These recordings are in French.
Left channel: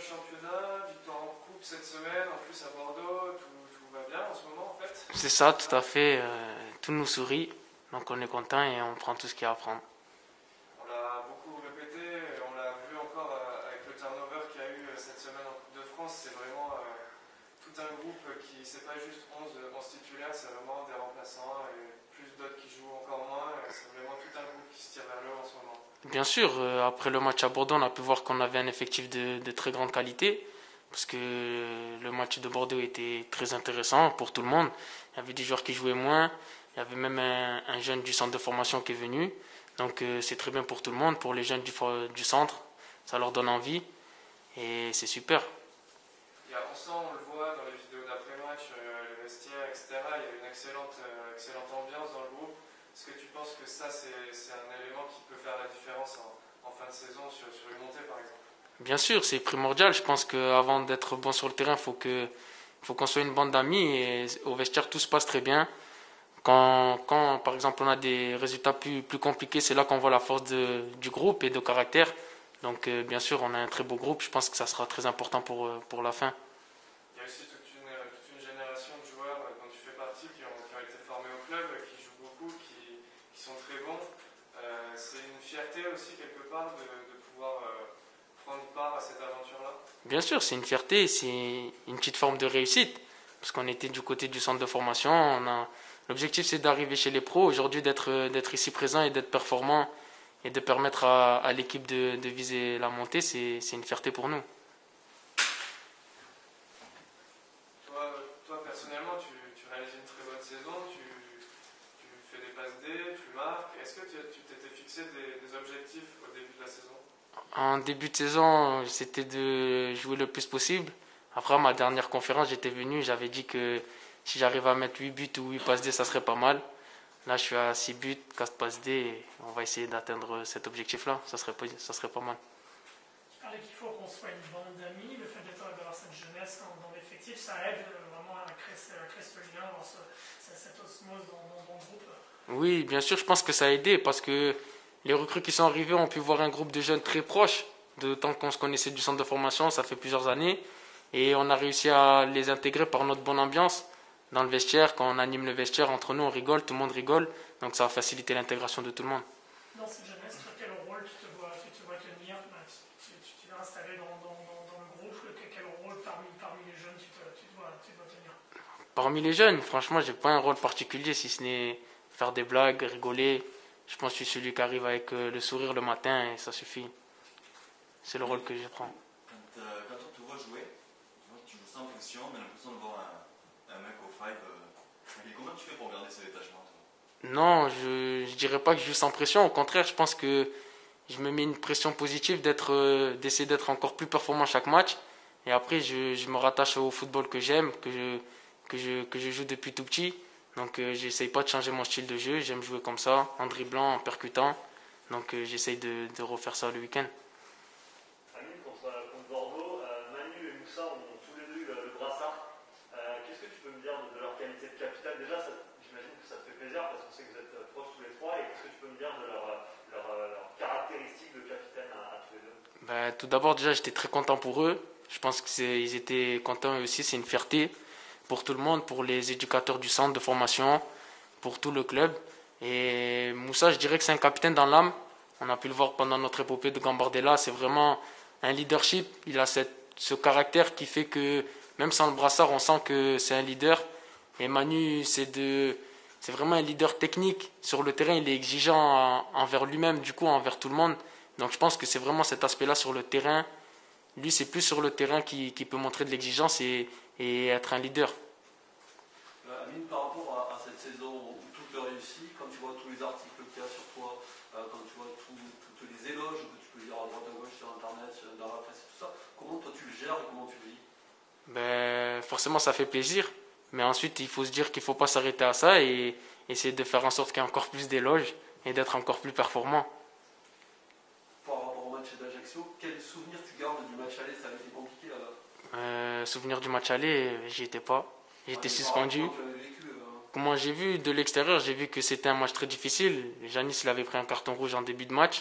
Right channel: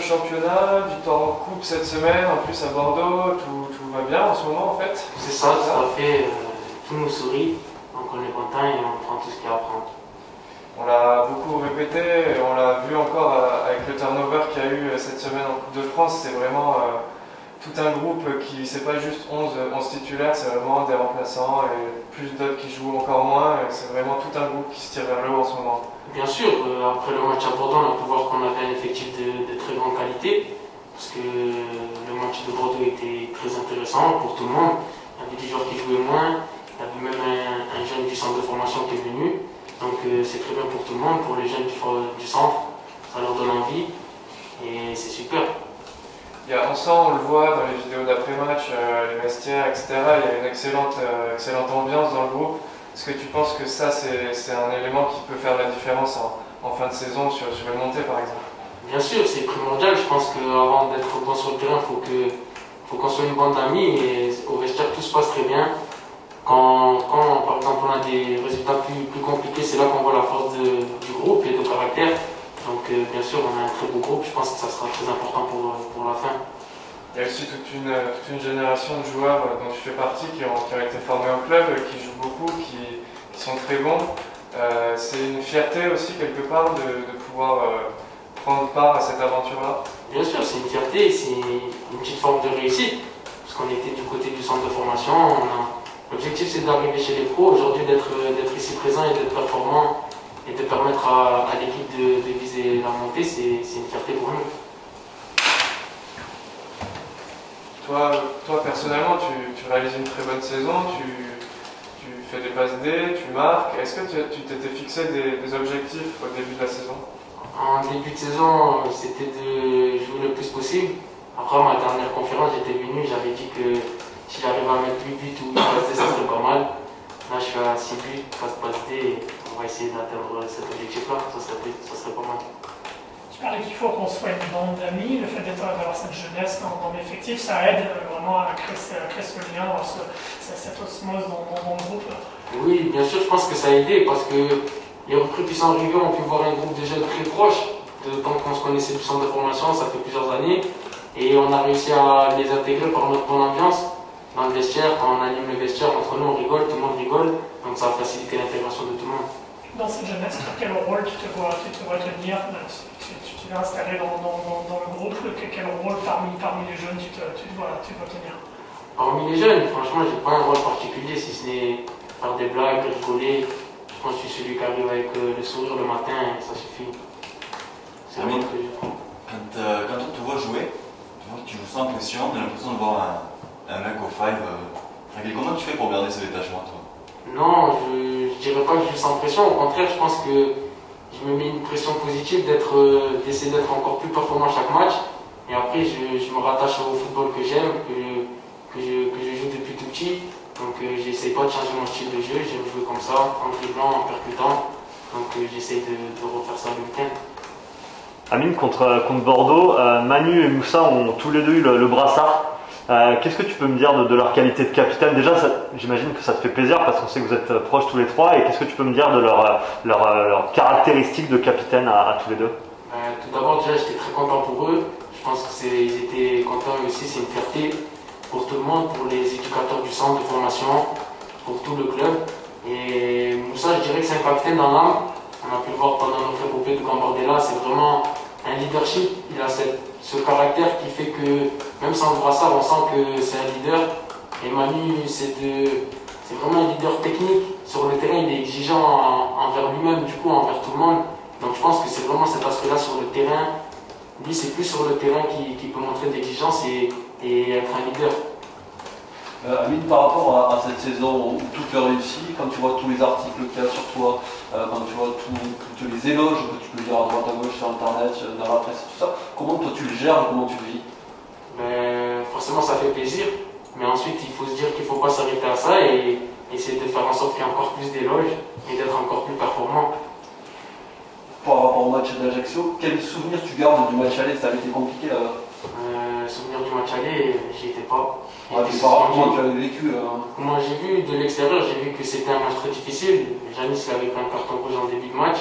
au championnat, victoire en coupe cette semaine, en plus à Bordeaux, tout va bien en ce moment en fait. C'est ça, tout à fait. Tout nous sourit, donc on est content et on prend tout ce qu'il y a à prendre. On l'a beaucoup répété, et on l'a vu encore avec le turnover qu'il y a eu cette semaine en Coupe de France. C'est vraiment tout un groupe qui, c'est pas juste 11 titulaires, c'est vraiment des remplaçants et plus d'autres qui jouent encore moins. C'est vraiment tout un groupe qui se tire vers le haut en ce moment. Bien sûr, après le match à Bordeaux, on a pu voir qu'on avait un effectif de très grande qualité, parce que le match de Bordeaux était très intéressant pour tout le monde. Il y avait des joueurs qui jouaient moins, il y avait même un jeune du centre de formation qui est venu. Donc c'est très bien pour tout le monde, pour les jeunes du centre, ça leur donne envie et c'est super. On sent, on le voit dans les vidéos d'après-match, les vestiaires, etc. Il y a une excellente ambiance dans le groupe. Est-ce que tu penses que ça, c'est un élément qui peut faire la différence en fin de saison sur une montée par exemple? Bien sûr, c'est primordial. Je pense qu'avant d'être bon sur le terrain, il faut qu'on soit une bande d'amis et au vestiaire, tout se passe très bien. Quand par exemple on a des résultats plus compliqués, c'est là qu'on voit la force du groupe et de caractère. Donc bien sûr, on a un très beau groupe, je pense que ça sera très important pour la fin. Il y a aussi toute une génération de joueurs dont tu fais partie qui ont été formés au club, qui jouent beaucoup, qui sont très bons. C'est une fierté aussi quelque part de pouvoir prendre part à cette aventure-là. Bien sûr, c'est une fierté, c'est une petite forme de réussite, parce qu'on était du côté du centre de formation. L'objectif c'est d'arriver chez les pros, aujourd'hui d'être ici présent et d'être performant et de permettre à l'équipe de viser la montée, c'est une fierté pour nous. Toi personnellement, tu réalises une très bonne saison, tu fais des passes D, tu marques. Est-ce que tu t'étais fixé des objectifs au début de la saison? En début de saison, c'était de jouer le plus possible. Après ma dernière conférence, j'étais venu, j'avais dit que si j'arrive à mettre 8 buts ou 8 passes D, ça serait pas mal. Là, je suis à 6 buts, 4 passes D, et on va essayer d'atteindre cet objectif-là, ça serait pas mal. Tu parlais qu'il faut qu'on soit une bande d'amis, le fait d'avoir cette jeunesse dans l'effectif, ça aide vraiment à créer ce lien, cette osmose dans le groupe. Oui, bien sûr, je pense que ça a aidé parce que les recrues qui sont arrivées ont pu voir un groupe de jeunes très proches, de temps qu'on se connaissait du centre de formation, ça fait plusieurs années, et on a réussi à les intégrer par notre bonne ambiance. Dans le vestiaire, quand on anime le vestiaire, entre nous on rigole, tout le monde rigole, donc ça va faciliter l'intégration de tout le monde. Dans cette jeunesse, quel rôle tu te vois tenir? Tu t'es installé dans le groupe, quel rôle parmi les jeunes tu te vois tenir? Parmi les jeunes, franchement, j'ai pas un rôle particulier si ce n'est faire des blagues, rigoler. Je pense que je suis celui qui arrive avec le sourire le matin et ça suffit. C'est le rôle que je prends. Quand on te voit jouer, tu joues sans pression, on a l'impression de voir un mec au five. Comment tu fais pour garder ce détachement, toi? Non, je dirais pas que je joue sans pression. Au contraire, je pense que je me mets une pression positive d'essayer d'être encore plus performant chaque match. Et après, je me rattache au football que j'aime, que je joue depuis tout petit. Donc, j'essaye pas de changer mon style de jeu. J'aime jouer comme ça, en dribblant, en percutant. Donc, j'essaye de refaire ça le week-end. Amine, contre Bordeaux, Manu et Moussa ont tous les deux eu le brassard. Qu'est-ce que tu peux me dire de leur qualité de capitaine? Déjà, j'imagine que ça te fait plaisir parce qu'on sait que vous êtes proches tous les trois. Et qu'est-ce que tu peux me dire de leur caractéristiques de capitaine à tous les deux? Tout d'abord, déjà, j'étais très content pour eux. Je pense qu'ils étaient contents eux aussi. C'est une fierté pour tout le monde, pour les éducateurs du centre de formation, pour tout le club. Et Moussa, je dirais que c'est un capitaine dans l'âme. On a pu le voir pendant notre épopée de Gambardella. C'est vraiment un leadership. Il a ce caractère qui fait que, même sans le brassard, on sent que c'est un leader. Et Manu, c'est vraiment un leader technique. Sur le terrain, il est exigeant envers lui-même, du coup, envers tout le monde. Donc je pense que c'est vraiment cet aspect-là sur le terrain. Lui, c'est plus sur le terrain qui peut montrer de l'exigence et être un leader. Amine, par rapport à cette saison où tout est réussi, quand tu vois tous les articles qu'il y a sur toi, quand tu vois tous les éloges que tu peux lire à droite à gauche sur internet, dans la presse, tout ça, comment toi tu le gères et comment tu le vis? Forcément ça fait plaisir, mais ensuite il faut se dire qu'il ne faut pas s'arrêter à ça et essayer de faire en sorte qu'il y ait encore plus d'éloges et d'être encore plus performant. Par rapport au match d'Ajaccio, quel souvenir tu gardes du match aller? Ça avait été compliqué là-bas? Souvenir du match aller, j'y étais pas. Comment tu l'avais vécu? Moi j'ai vu de l'extérieur, j'ai vu que c'était un match très difficile. Janis avait pris un carton rouge en début de match,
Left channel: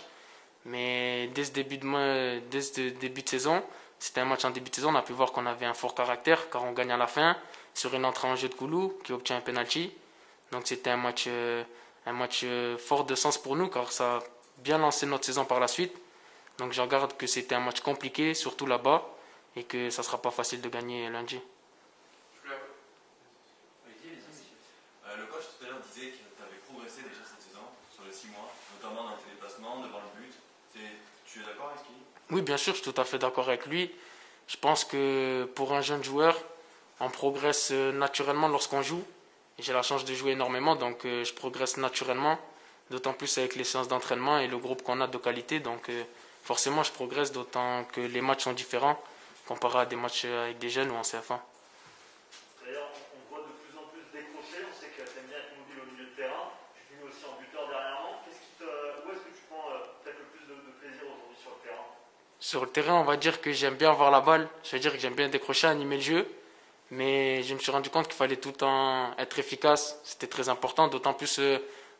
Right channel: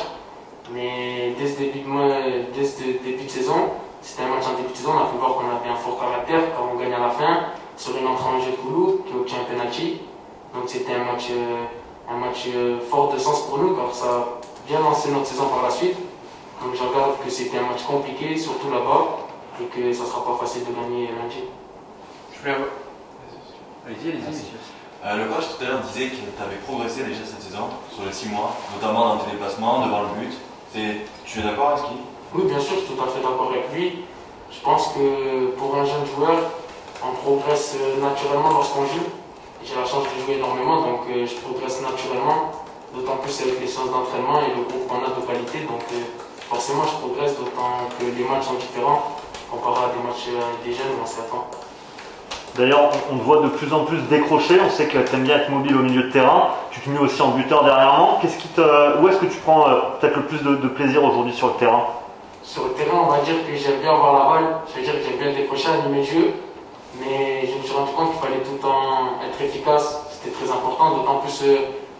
mais dès ce début de saison, C'était un match en début de saison, on a pu voir qu'on avait un fort caractère quand on gagne à la fin sur une entrée en jeu de Koulou qui obtient un penalty. Donc c'était un match fort de sens pour nous car ça a bien lancé notre saison par la suite. Donc je regarde que c'était un match compliqué, surtout là-bas, et que ça ne sera pas facile de gagner lundi. Je voulais avoir- Allez-y, monsieur. Le coach tout à l'heure disait que tu avais progressé déjà cette saison, sur les 6 mois, notamment dans tes déplacements, devant le but. Tu es d'accord avec ce qu'il dit? Oui, bien sûr, je suis tout à fait d'accord avec lui. Je pense que pour un jeune joueur, on progresse naturellement lorsqu'on joue. J'ai la chance de jouer énormément, donc je progresse naturellement, d'autant plus avec les séances d'entraînement et le groupe qu'on a de qualité. Donc forcément, je progresse, d'autant que les matchs sont différents comparé à des matchs avec des jeunes où on s'y attend. D'ailleurs, on te voit de plus en plus décrocher. On sait que tu aimes bien être mobile au milieu de terrain. Tu te mets aussi en buteur dernièrement. Où est-ce que tu prends peut-être le plus de plaisir aujourd'hui sur le terrain? Sur le terrain, on va dire que j'aime bien avoir la balle. Ça veut dire que j'aime bien décrocher, animer le jeu. Mais je me suis rendu compte qu'il fallait tout le temps être efficace. C'était très important, d'autant plus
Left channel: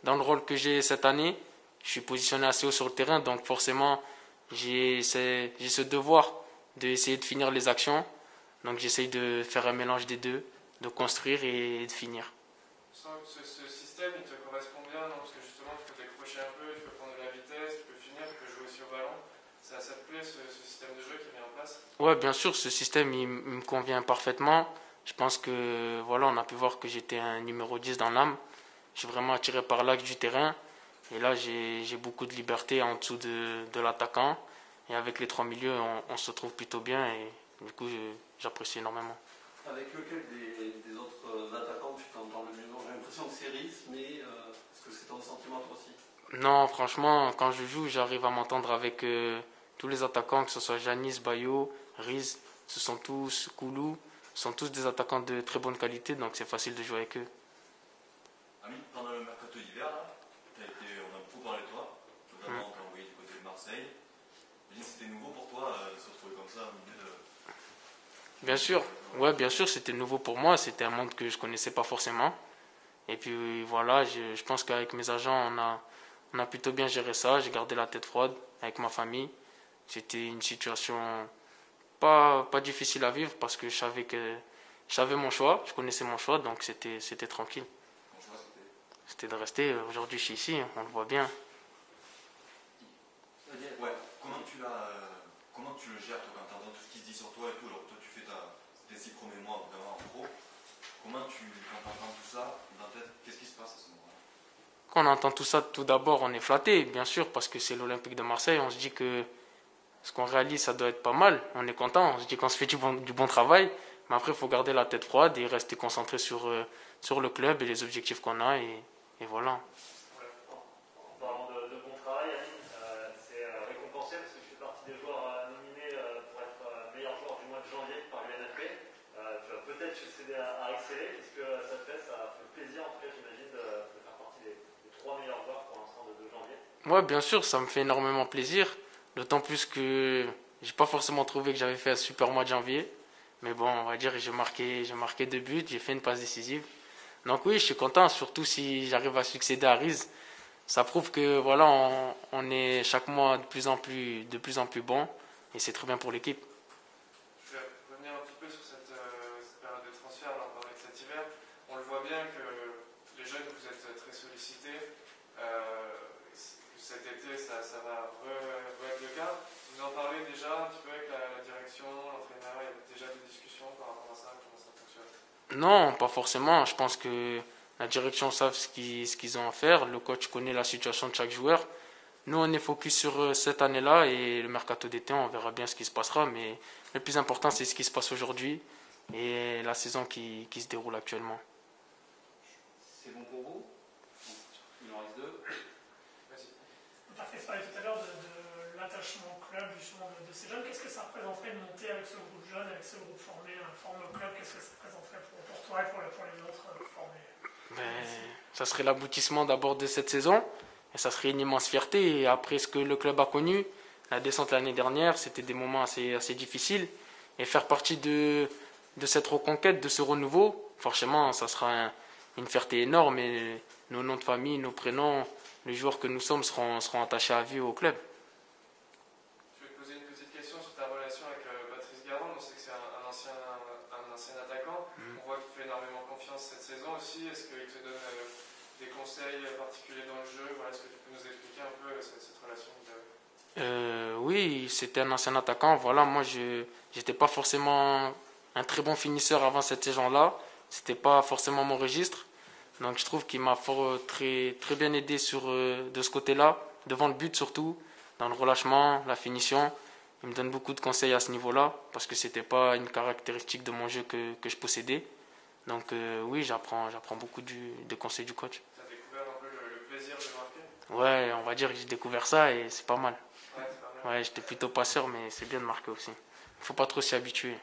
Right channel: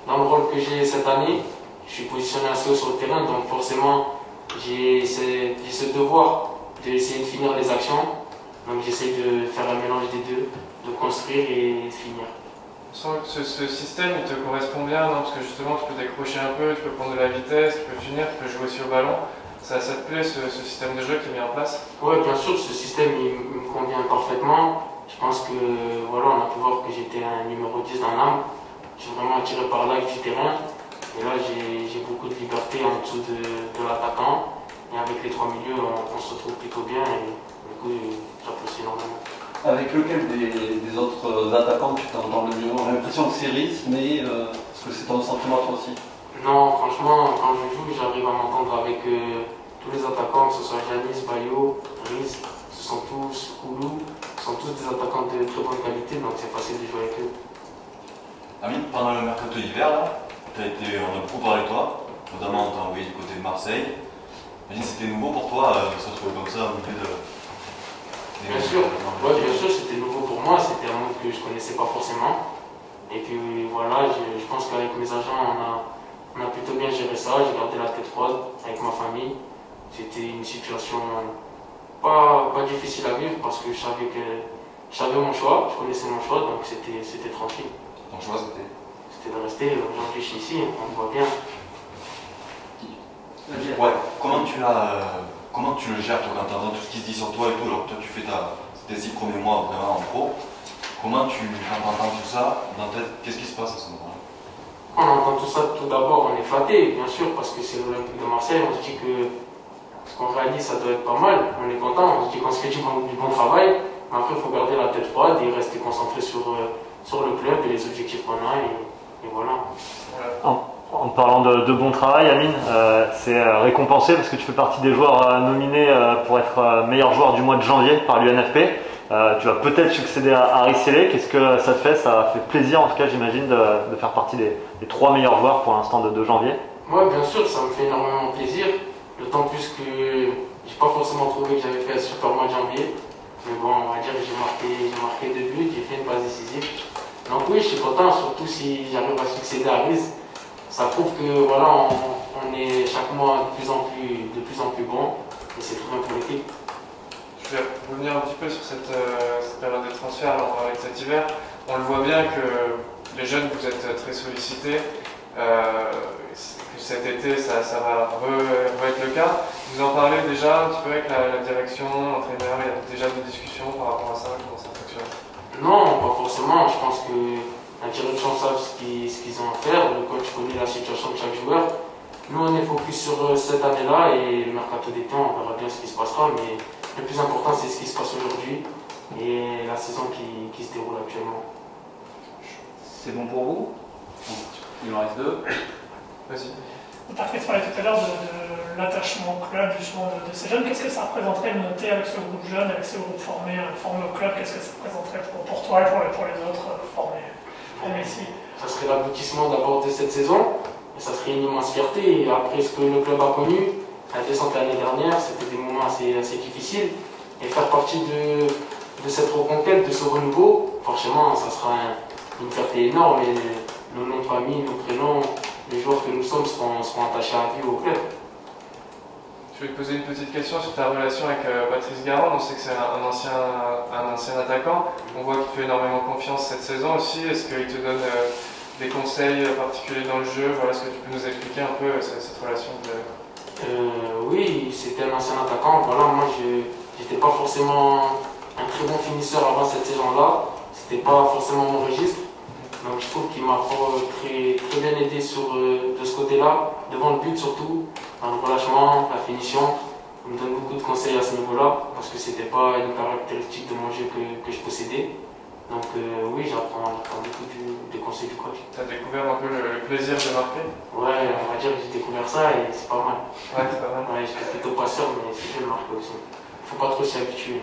dans le rôle que j'ai cette année. Je suis positionné assez haut sur le terrain, donc forcément, j'ai ce devoir d'essayer de finir les actions. Donc j'essaie de faire un mélange des deux, de construire et de finir. On sent que ce système il te correspond bien, non? Parce que justement tu peux décrocher un peu, tu peux prendre de la vitesse, tu peux finir, tu peux jouer aussi au ballon. Ça te plaît ce système de jeu qui est mis en place? Oui, bien sûr, ce système il me convient parfaitement. Je pense que voilà, on a pu voir que j'étais un numéro 10 dans l'âme. Je suis vraiment attiré par l'axe du terrain. Et là, j'ai beaucoup de liberté en dessous de l'attaquant. Et avec les trois milieux, on se trouve plutôt bien. Et du coup, j'apprécie énormément. Avec lequel des autres attaquants tu t'entends le mieux? J'ai l'impression que c'est Rhys, mais est-ce que c'est ton sentiment toi aussi? Non, franchement, quand je joue, j'arrive à m'entendre avec tous les attaquants, que ce soit Janis, Bayo, Rhys, ce sont tous Koulou, ce sont tous des attaquants de très bonne qualité, donc c'est facile de jouer avec eux. Amine, pendant le mercato d'hiver, on a beaucoup parlé de toi, notamment on t'a envoyé du côté de Marseille. Imagine, c'était nouveau pour toi de se retrouver comme ça au milieu de. Bien sûr, ouais, bien sûr, c'était nouveau pour moi, c'était un monde que je ne connaissais pas forcément. Et puis voilà, je pense qu'avec mes agents, on a plutôt bien géré ça, j'ai gardé la tête froide avec ma famille. C'était une situation pas difficile à vivre parce que je savais mon choix, je connaissais mon choix, donc c'était tranquille. Ton choix c'était? C'était de rester, aujourd'hui je suis ici, on me voit bien. Ouais, comment tu le gères toi quand tu entends tout ce qui se dit sur toi et tout, alors que toi tu fais tes 6 premiers mois vraiment en pro, quand tu entends tout ça, dans ta tête, qu'est-ce qui se passe à ce moment-là? Quand on entend tout ça, tout d'abord on est flatté, bien sûr, parce que c'est l'Olympique de Marseille, on se dit que ce qu'on réalise ça doit être pas mal, on est content, on se dit qu'on se fait du bon travail, mais après il faut garder la tête froide et rester concentré sur le club et les objectifs qu'on a, et voilà. En parlant de bon travail, Amine, c'est récompensé parce que tu fais partie des joueurs nominés pour être meilleur joueur du mois de janvier par l'UNFP. Tu vas peut-être succéder à Rhys Sélé. Qu'est-ce que ça te fait? Ça fait plaisir en tout cas, j'imagine, de faire partie des 3 meilleurs joueurs pour l'instant de janvier. Oui, bien sûr, ça me fait énormément plaisir. D'autant plus que j'ai pas forcément trouvé que j'avais fait un super mois de janvier. Mais bon, on va dire que j'ai marqué 2 buts, j'ai fait une passe décisive. Donc oui, je suis content, surtout si j'arrive à succéder à Rhys. Ça prouve que voilà, on est chaque mois de plus en plus bon et c'est très bien pour l'équipe. Je vais revenir un petit peu sur cette période de transfert avec cet hiver. On le voit bien que les jeunes, vous êtes très sollicités. Que cet été, ça va être le cas. Vous en parlez déjà un petit peu avec la direction, l'entraîneur, il y a déjà des discussions par rapport à ça, comment ça fonctionne? Non, pas forcément. Je pense que la direction savent ce qu'ils ont à faire. Le coach connaît la situation de chaque joueur. Nous, on est focus sur cette année-là et le mercato d'été, on verra bien ce qui se passera. Mais le plus important, c'est ce qui se passe aujourd'hui et la saison qui se déroule actuellement. C'est bon pour vous? Il en reste 2. Vas-y. Patrick parlait tout à l'heure de l'attachement au club justement de ces jeunes. Qu'est-ce que ça représenterait de monter avec ce groupe jeune, avec ce groupe formé au club? Qu'est-ce que ça représenterait pour toi et pour les autres formés ici? Ça serait l'aboutissement d'abord de cette saison et ça serait une immense fierté. Et après ce que le club a connu, la descente l'année dernière, c'était des moments assez difficiles. Et faire partie de cette reconquête, de ce renouveau, forcément, ça sera une fierté énorme. Et nos noms de famille, nos prénoms, les joueurs que nous sommes seront attachés à vie au club. Je vais te poser une petite question sur ta relation avec Patrice Garande. On sait que c'est un ancien attaquant. On voit qu'il te fait énormément confiance cette saison aussi. Est-ce qu'il te donne des conseils particuliers dans le jeu? Voilà, est-ce que tu peux nous expliquer un peu cette relation que vous avez? Oui, c'était un ancien attaquant. Voilà, moi, je n'étais pas forcément un très bon finisseur avant cette saison-là. C'était pas forcément mon registre. Donc je trouve qu'il m'a très, très bien aidé de ce côté-là, devant le but surtout, dans le relâchement, la finition. Il me donne beaucoup de conseils à ce niveau-là, parce que c'était pas une caractéristique de mon jeu que je possédais. Donc oui, j'apprends beaucoup des conseils du coach. Tu as découvert un peu le plaisir de marquer? Ouais, on va dire que j'ai découvert ça et c'est pas mal. Ouais, c'est pas mal. Ouais, j'étais plutôt passeur, mais c'est bien de marquer aussi. Faut pas trop s'y habituer.